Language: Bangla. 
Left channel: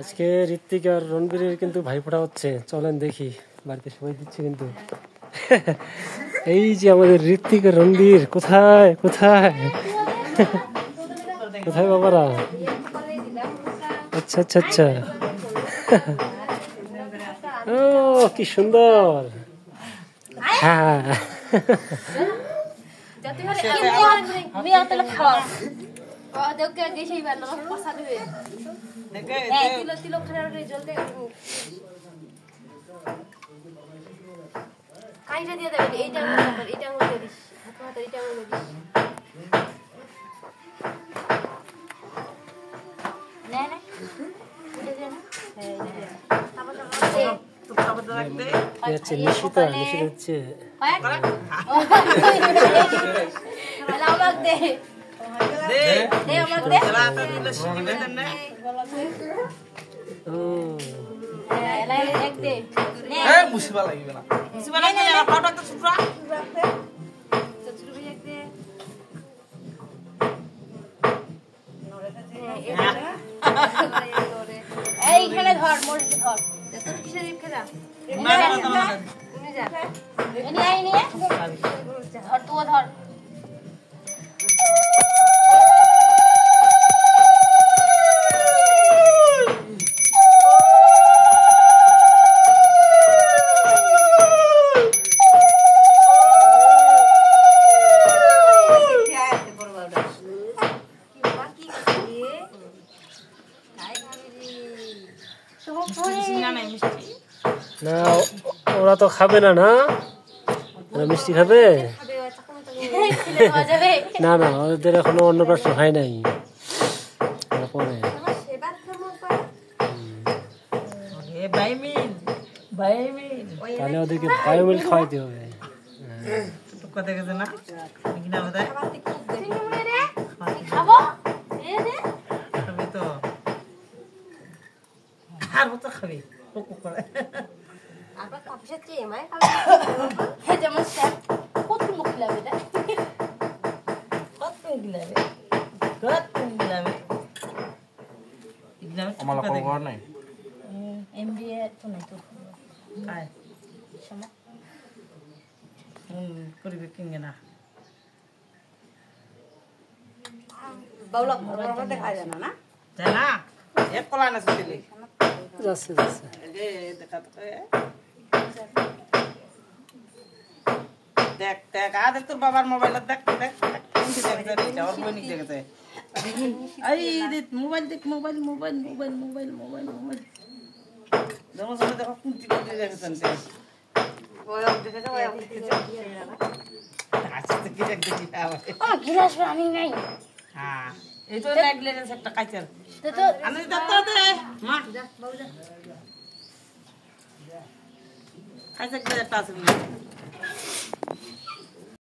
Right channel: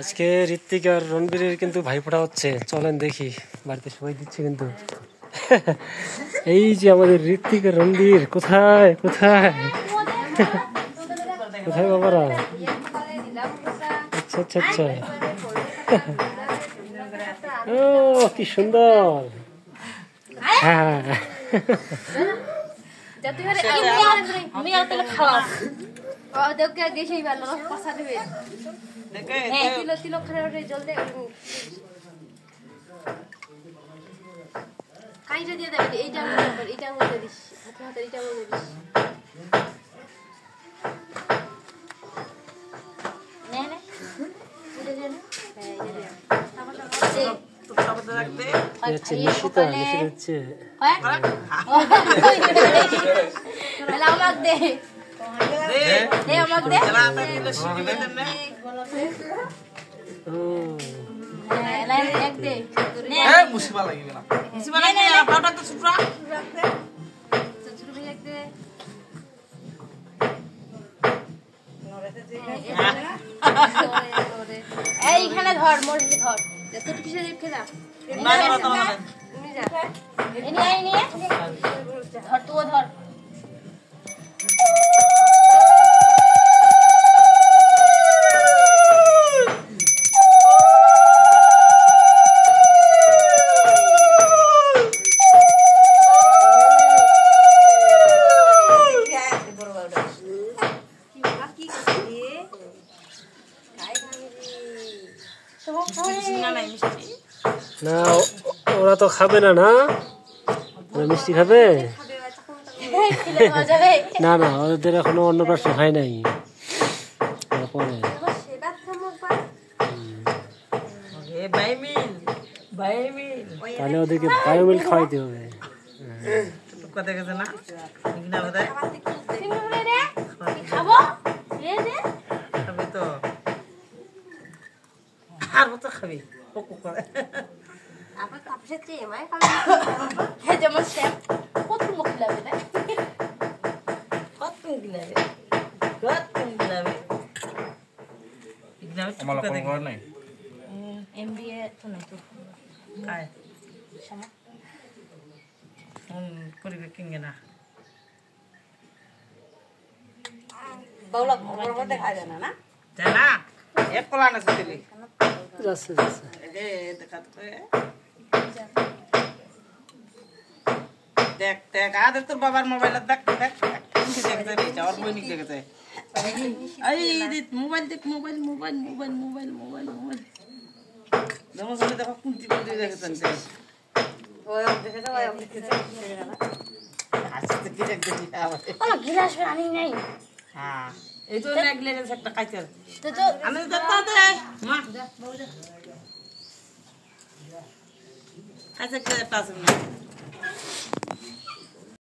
আজকে ঋত্বিক আর রণবীরের কিন্তু ভাইফোঁটা হচ্ছে, চলেন দেখি। বাড়িতে সবাই দিচ্ছে কিন্তু। এই যে আমাদের ঋত্বিক আর রণবীর, কোথায় কোথায় কোথায় বাবারা? আচ্ছা আচ্ছা আচ্ছা। ও কি সুন্দর। হ্যাঁ কাইটা দিয়ে দেবেন, এইটা এইটা দিয়ে দিস, হাতে হাতে এইটা দিয়ে দিস। নে নে এটা দে না, হ্যাঁ এইটা দে। তারপর তো সব তো রাখতে আচ্ছা নিশিতা নিশিতা হচ্ছে হ্যাঁ আমাক দে দে দে আমাক দে চলাতে দিলে শিখবে না। ও হ্যাঁ লাই এক দে নে এ মুসিবা লাগবে না, মুসিবা লাগবে না, পাউডার তো ছুটরা তো ছোট ভাই এক দে। এইখানে ধর, মরলে ধর, তুই কিসে দিবি খেলা না না তো না তুমি যা এনি আই নিয়ে ধর, তুই ধর। না ওরা তো খাবে না, না ওরা মিষ্টি খাবে না? না ওদের এখনো অন্নপ্রাশন হয় নাই, পরে তাহলে ওদেরকে বায়োমিল খাওয়াইতে হবে। কথা গেছে না কিনা বোধহয় খাবো খাবি তো, আর তো খাবি করে আবার কাপসে চেয়ে মাই খাবো হে যেমন স্যাপ কত মুখ লাগে না কত গিলাবে কত গিলাবে ইগনাবে আমালা কোন নাই এমবিএ তো নাই তো কাই সমা করিবে কিনগে না বাউলা ঘর মধ্যে খায় জানা না জানা এক কলা না দিলি যাচ্ছে যাচ্ছে এই দেখা তো দেখ দেখ আ দেখ তোর বাবার মোবাইল দেখ দেখ কোনটি দেখতে রে যাওয়ার বই নি দেখতে এই দেখ মোবাইল দেখ mobile mobile mobile mobile mobile mobile দমো সব দেখো কোনটি কোনটি দেখছেন তে ওই দেখে যাও আচ্ছা তো কি দেখ দেখি আমার গিলাস রানি নাই। হ্যাঁ এই তো না গ্লাস একটা কাইচার তো তো আমি দেখতে দে মা যা বাবু যা কাইচার টাচ না